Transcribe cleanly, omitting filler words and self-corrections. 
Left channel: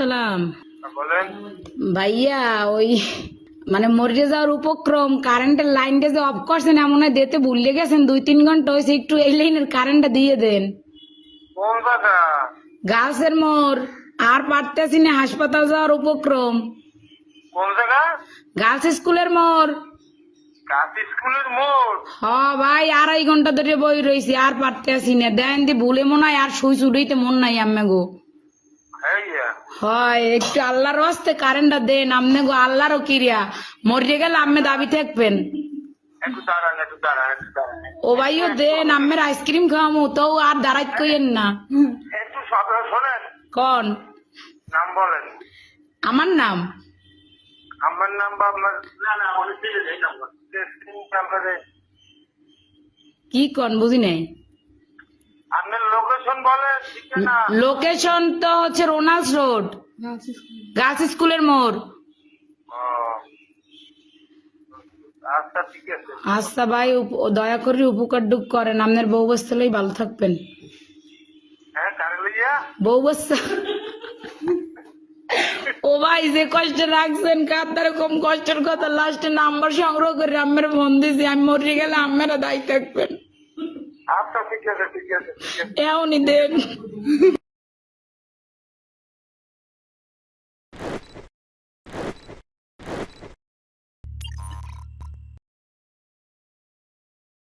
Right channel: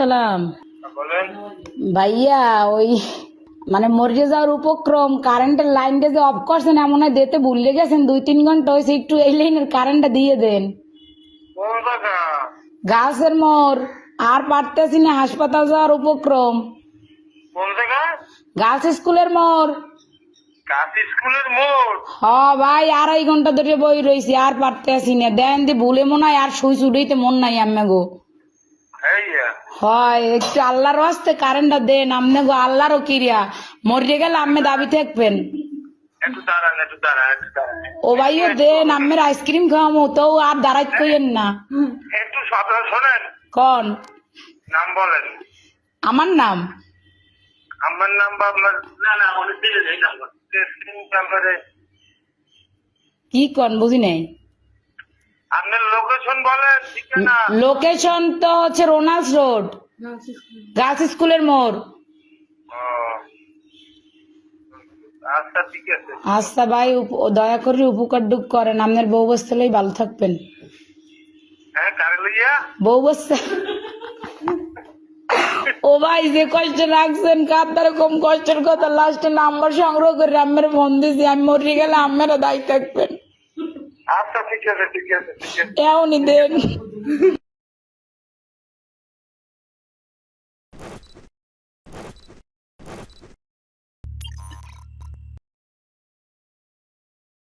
সালাম বলেন। ভাইয়া, ওই মানে মরে যাওয়ার উপক্রম, কারেন্টের লাইনটা যে অফ করছেন এমন হয় দিতে ভুলে গেছেন, 2-3 ঘন্টা হয়েছে, একটু এই লাইনের কারেন্টটা দিয়ে দেন। কোন জায়গা? গাছের মোড়, আর পারতেছি না, হাসপাতাল যাওয়ার উপক্রম। কোন জায়গা? গার্লস স্কুলের মোড়। কাজ স্কুলের মোড়। হ ভাই, 2.5 ঘন্টা ধরে বই রয়েছি, আর পারতেছি না। দেন দি ভুলে মনে হয় আর সুই চুড়িতে মন নাই আম্মে গো। হ্যাঁ, হয় একটু আল্লাহর হস্তে কারেন্টটা দেন আমনে গো, আল্লাহরও কিরিয়া। মরে গেলে আম্মে দাবি থাকবেন। একটু দাঁড়ান, একটু দাঁড়ান, একটু দাঁড়ান। ও ভাইও দেন, আম্মের আইসক্রিম খাওয়ামো তো, আর দাঁড়াইত কইেন না। একটু কথা শোনেন। কন নাম বলেন। আমার নাম? আমার নাম বা আপনার? না না, অনেক দিলে নেই নাম্বার। নাম্বারে কি কন বুঝি নাই। আপনার লোকেশন বলেন, ঠিকানা। লোকেশন তো হচ্ছে রোনাল্ডস রোড, গার্লস স্কুলের মোড়। ও, আচ্ছা ঠিক আছে। আচ্ছা ভাই, দয়া করে উপকার ডুক করেন, আপনার বউ বস্তালেই ভালো থাকবেন। হ্যাঁ, কারে লইয়া? বউ বস্তা। ও ভাই, যে কষ্ট রাখছেন কার কম কষ্টের কথা, লাস্টে নাম্বার সংগ্রহ করে আম্মের ফোন দিছি, আমি মরে গেলে আম্মেরা দায়ী থাকবেন। আচ্ছা ঠিক আছে, ঠিক আছে, ঠিক আছে। এমনই দেন।